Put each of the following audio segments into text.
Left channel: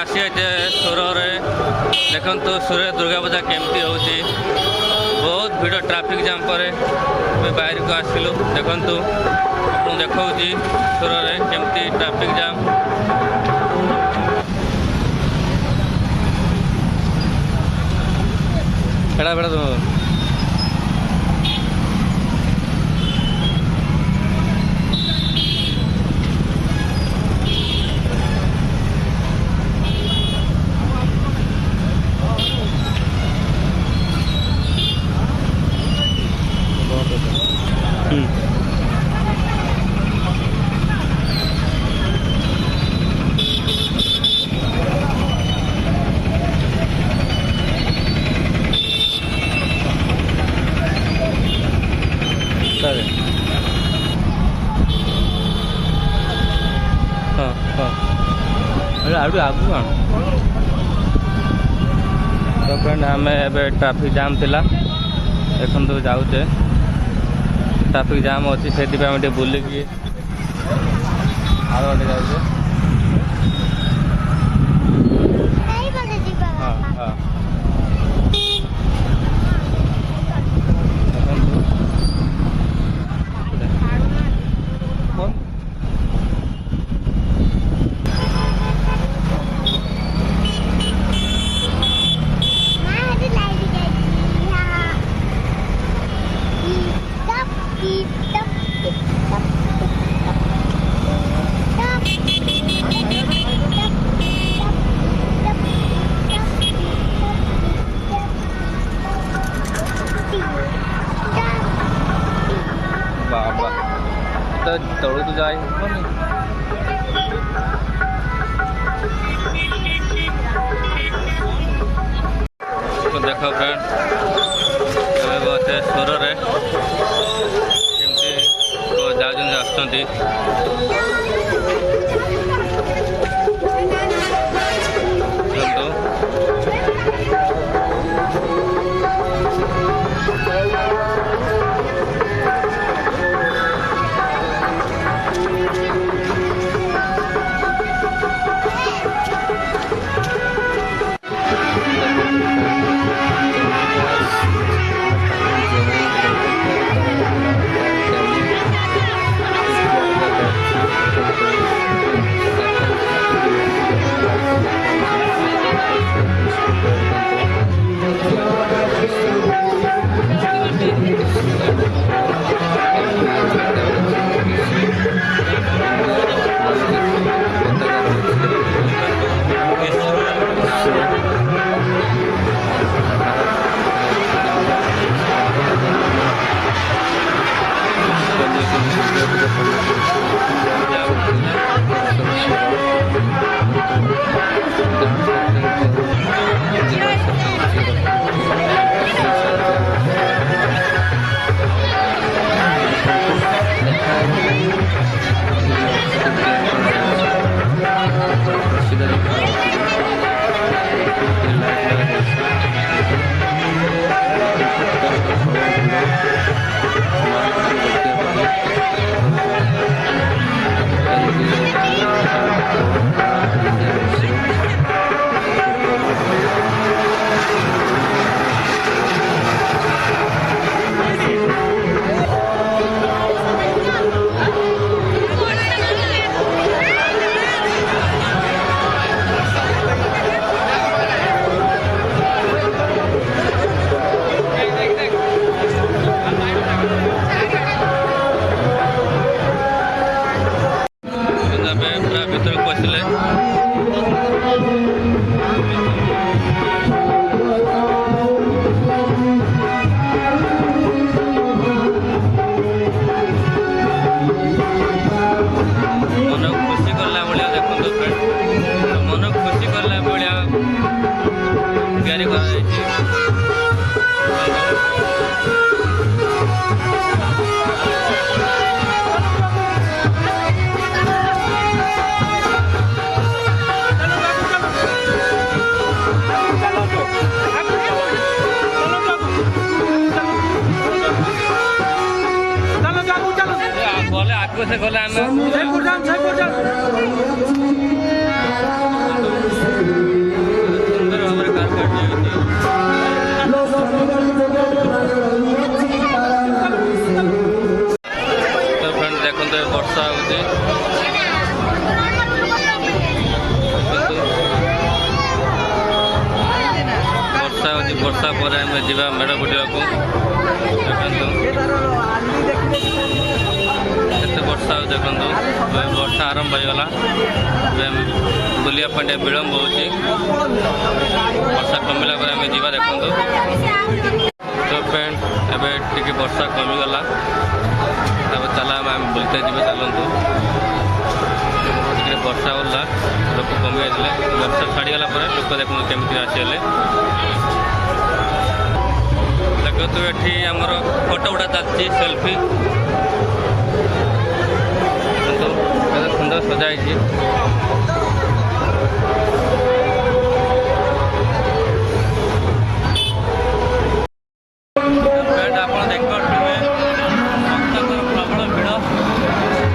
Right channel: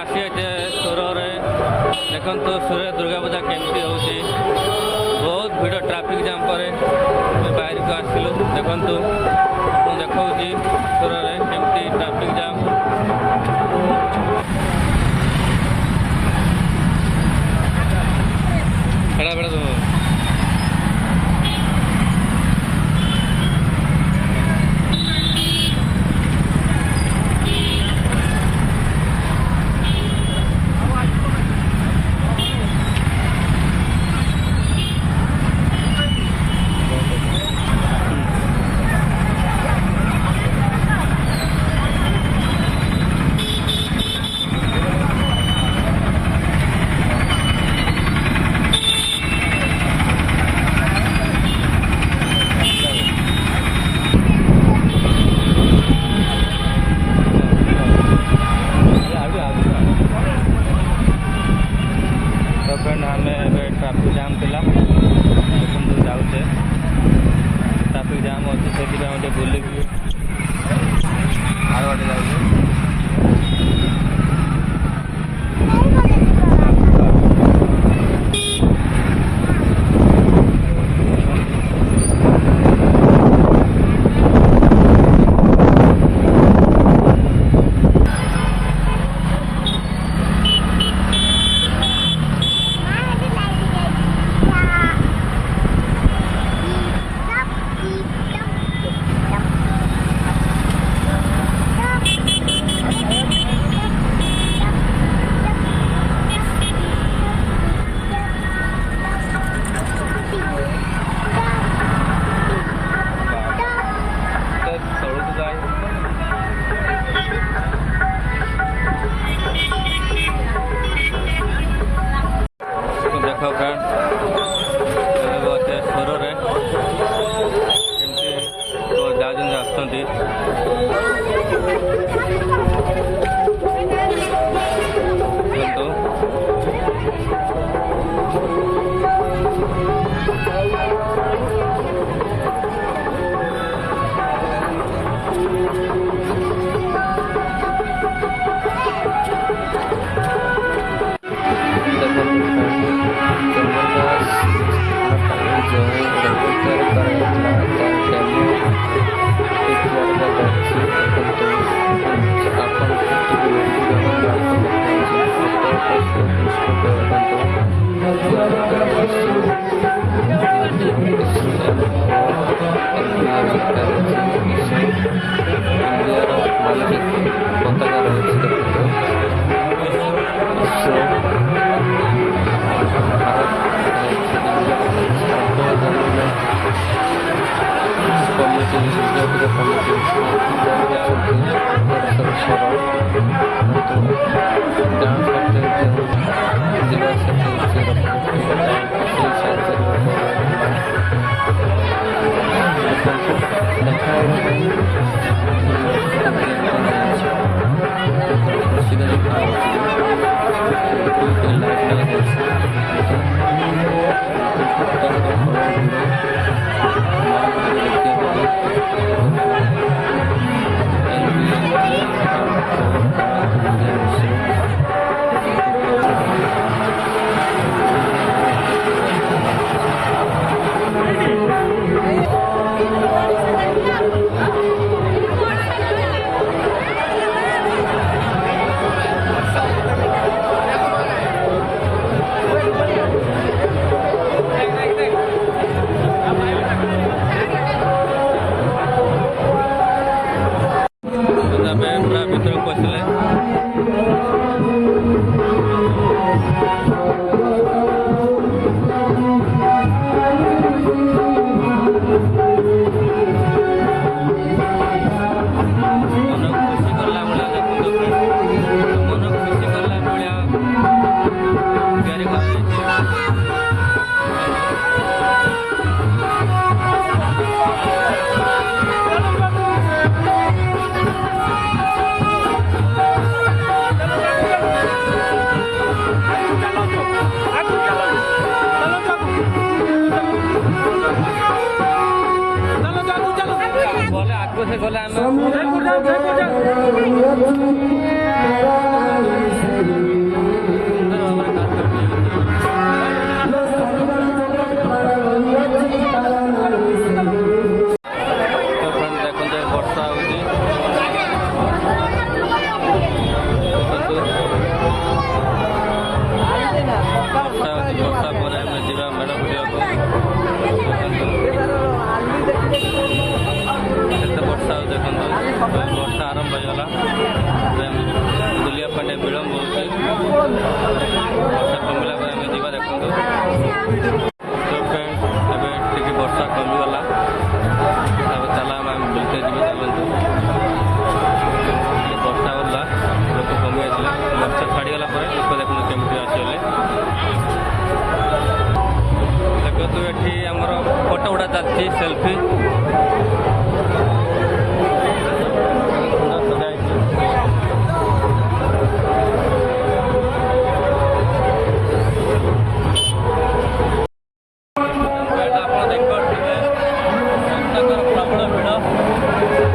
आसी सुर देखु सुर दुर्गा पूजा केमती हो बहुत भिड़ ट्रैफिक जाम पर बाहर को आसिलु देखु आपको देखा सुर केमती ट्रैफिक जाम बेड़ा बेड़ा आम ट्रैफिक जाम थिला देखो जाऊे ट्रैफिक जाम अच्छी से बुलिकी आगे जाऊे तलू तो जाए तो देख फ्रेंड सुर केमती जाऊँ आसुँच डांस से गले ଯିବା ମେଢ଼ ବୁଲିବାକୁ। ଦେଖନ୍ତୁ କେତେ ବର୍ଷା ଆଉ ଦେଖନ୍ତୁ ବର୍ଷା ଆରମ୍ଭ ହେଇଗଲା। ଏବେ ବୁଲିବା ପାଇଁ ଟିକେ ବିଳମ୍ବ ହେଉଛି। ବର୍ଷା କମିଲା ପରେ ଆମେ ଯିବା। ଦେଖନ୍ତୁ ତ ଫ୍ରେଣ୍ଡ ଏବେ ଟିକେ ବର୍ଷା କମିଗଲା, ତାପରେ ଚାଲ ଆମେ ବୁଲିତେ ଯିବେ। ଚାଲନ୍ତୁ ଟିକେ ବର୍ଷା ଗଲା, ଲୋକ କମି ଯାଇଥିଲେ। ବର୍ଷା ଛାଡ଼ିଗଲା ପରେ ଲୋକ ଦେଖନ୍ତୁ କେମିତି ଆସିଗଲେ। ଦେଖନ୍ତୁ ଏଠି ଆମର ଫଟୋ ଉଠା ଚାଲିଛି, ସେଲ୍ଫି। ସୁନ୍ଦର ସଜା ହେଇଛି। ଆପଣ ଦେଖିପାରୁଥିବେ ଭକ୍ତଙ୍କର ପ୍ରବଳ ଭିଡ଼।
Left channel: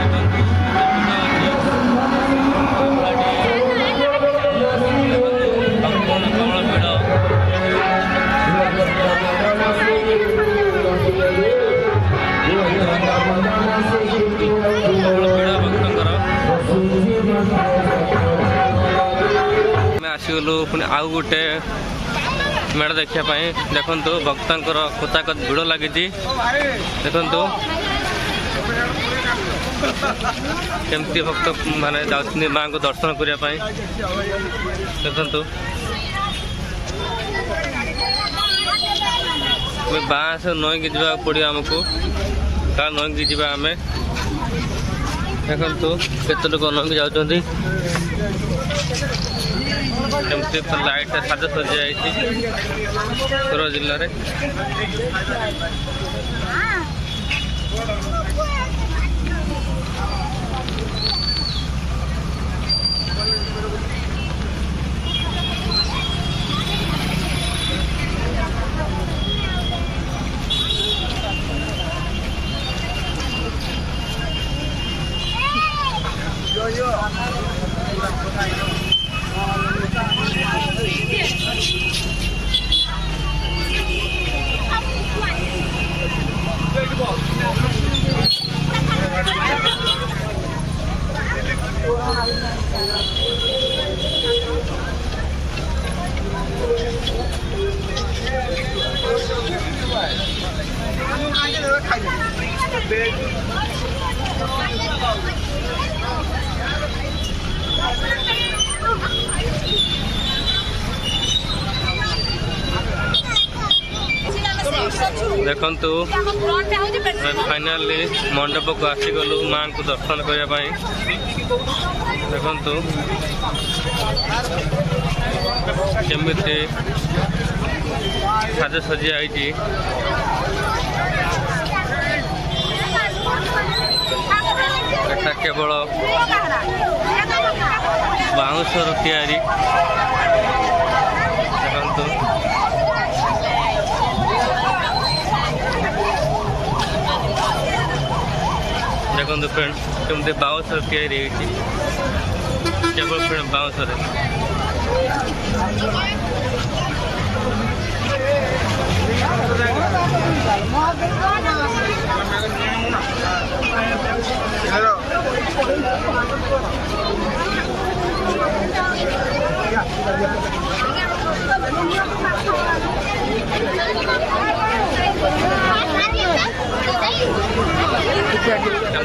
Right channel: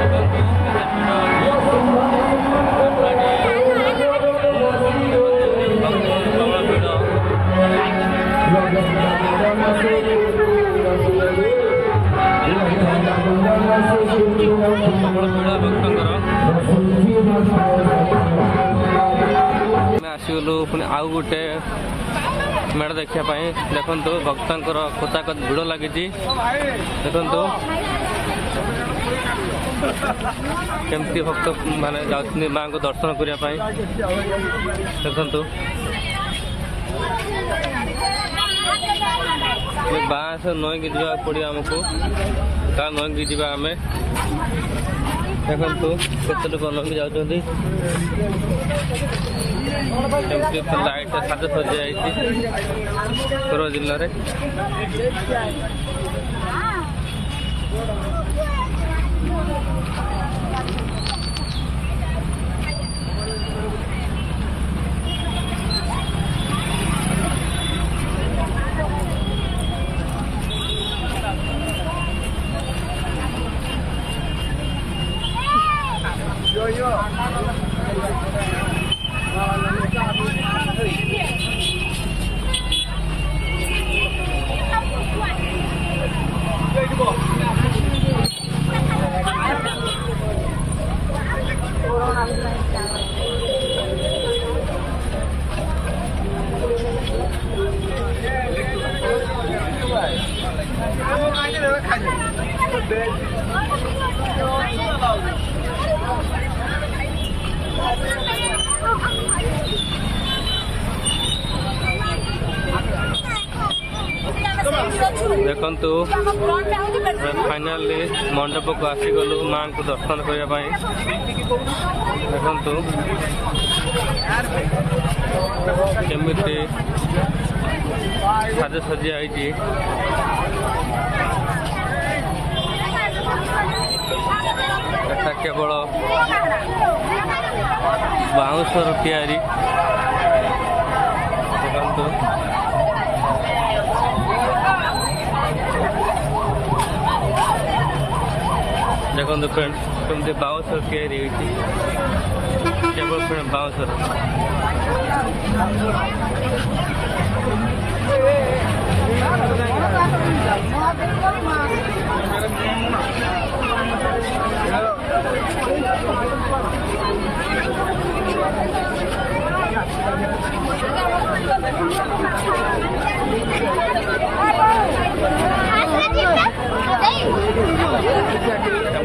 ଦେଖନ୍ତୁ କେତେ ଭିଡ଼ ଅଛି। ଭକ୍ତଙ୍କର ପ୍ରବଳ ଭିଡ଼। ଭକ୍ତଙ୍କର ଆମେ ଆସିଗଲୁ ପୁଣି ଆଉ ଗୋଟେ ମେଢ଼ ଦେଖିବା ପାଇଁ। ଦେଖନ୍ତୁ ଭକ୍ତଙ୍କର କୋତାକତ ଭିଡ଼ ଲାଗିଛି। ଦେଖନ୍ତୁ କେମିତି ଭକ୍ତ ମାନେ ଯାଉଛନ୍ତି ମାଆଙ୍କୁ ଦର୍ଶନ କରିବା ପାଇଁ। ଦେଖନ୍ତୁ ବାଁସ ନଈକି ଯିବାକୁ ପଡ଼ିବ ଆମକୁ। କାହା ନଈକି ଯିବା ଆମେ। ଦେଖନ୍ତୁ କେତେ ଲୋକ ନଈକି ଯାଉଛନ୍ତି। କେମିତି ଲାଇଟ୍ ସାଜସଜ୍ଜା ଯାଇଛି ସୁରତ ଜିଲ୍ଲାରେ। ଦେଖନ୍ତୁ ଫାଇନାଲି ମଣ୍ଡପକୁ ଆସିଗଲୁ ମାଆଙ୍କୁ ଦର୍ଶନ କରିବା ପାଇଁ। ଦେଖନ୍ତୁ କେମିତି ସାଜସଜ୍ଜା ହେଇଛି। ଏଟା କେବଳ ବାଉଁଶର ତିଆରି। ଦେଖନ୍ତୁ ଦେଖନ୍ତୁ ଫ୍ରେଣ୍ଡ କେମିତି ବାଉଁଶରେ ତିଆରି ହେଇଛି। କେବଳ ଫ୍ରେଣ୍ଡ ବାଉଁଶରେ।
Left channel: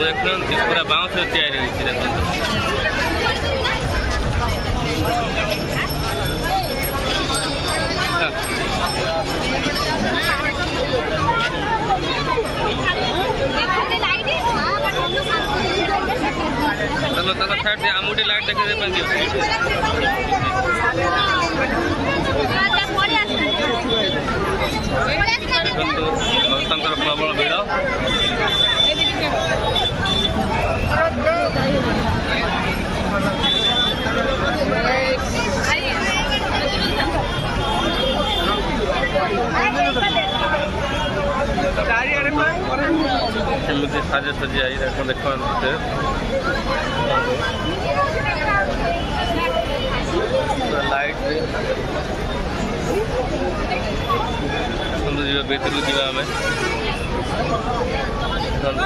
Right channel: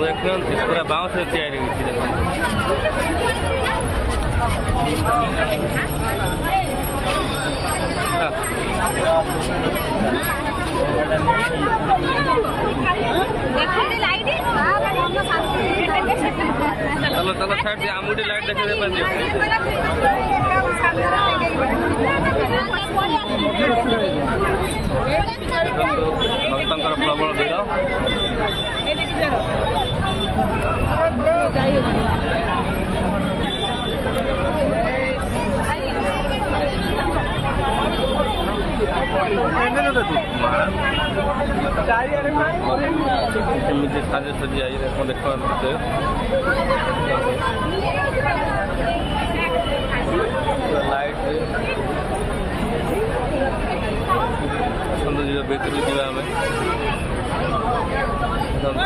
ଦେଖନ୍ତୁ ପୁରା ବାଉଁଶରେ ତିଆରି ହୋଇଛି। ଦେଖନ୍ତୁ चलो चलो साइड से आमुटी लाइट देखे दे पादियो। देखंतु भक्तंकर प्रबल भिड़। କେମିତି ସାଜସଜ୍ଜା ହେଇ ଦେଖନ୍ତୁ ପୁରା ଲାଇଟ୍ରେ ଆସନ୍ତୁ ଯିବା ଭିତରକୁ ଯିବା ଆମେ। ଦେଖନ୍ତୁ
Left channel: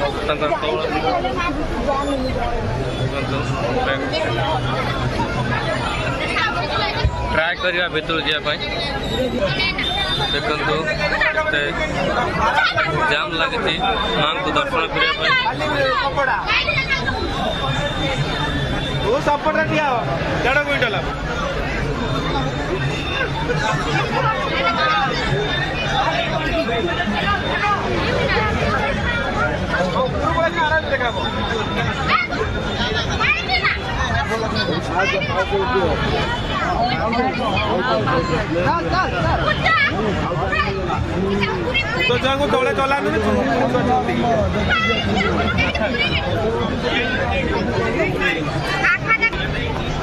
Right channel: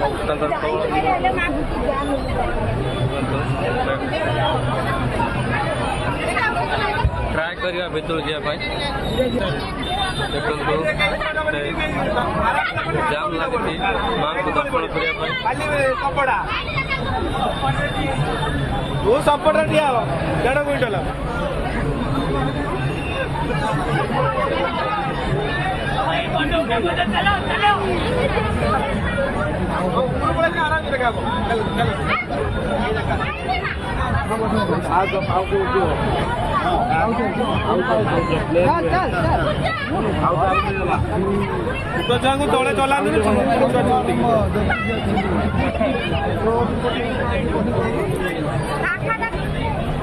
ଭକ୍ତଙ୍କର ପ୍ରବଳ ଦେଖନ୍ତୁ ट्राए करवा भितर जावाई देखु जाम लगी माँ को दर्शन करने तले चला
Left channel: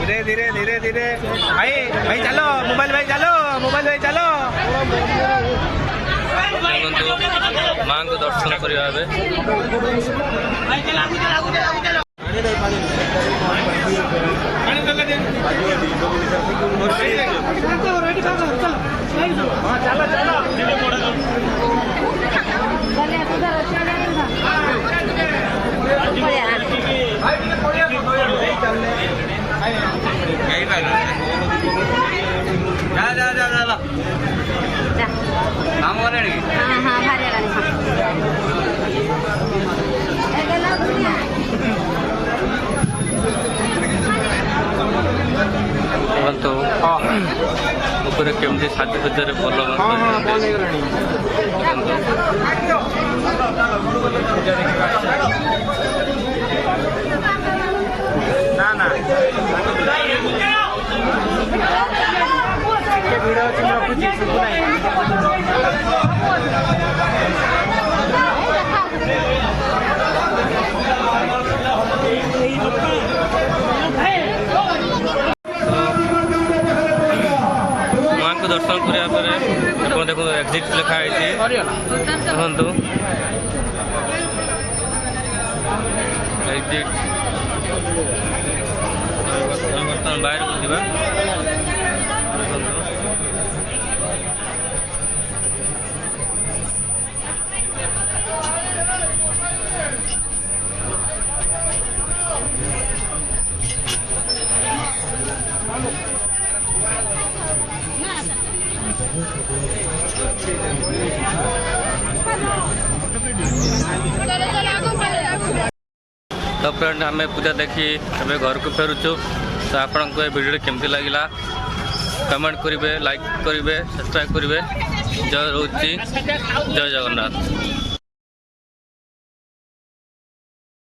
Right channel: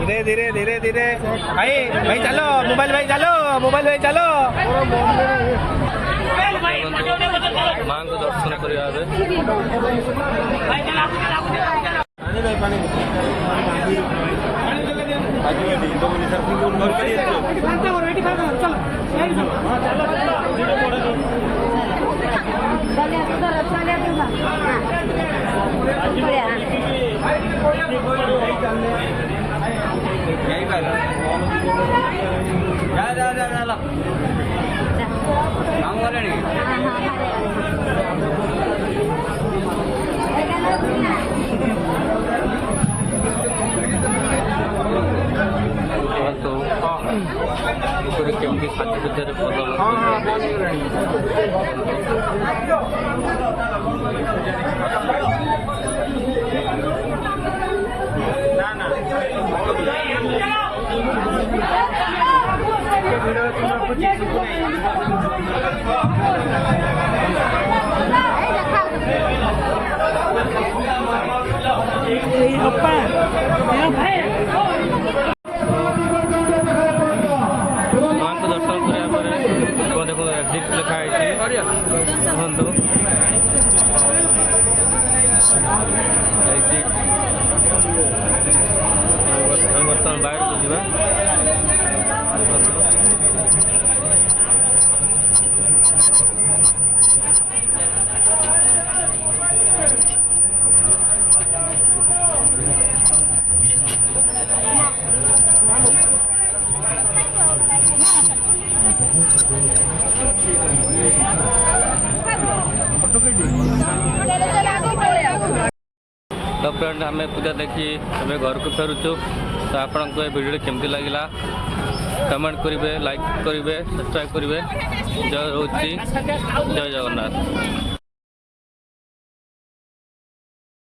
धीरे धीरे धीरे धीरे भाई भाई चलो मोबाइल भाई चलो माँ को दर्शन करवा तो ऊपर केमती साज भितर भल माँ को दर्शन करने देखो एक्जिट लिखाई देखु एक्जिट बर्तमान बाहर को जावा तो फ्रेंड आम पूजा देखी अबे घर को फेरुचु तो आपन को वीडियो केमती लगिला कमेंट करेंगे लाइक करेंगे सब्सक्राइब करेंगे जय रोची जय जगन्नाथ।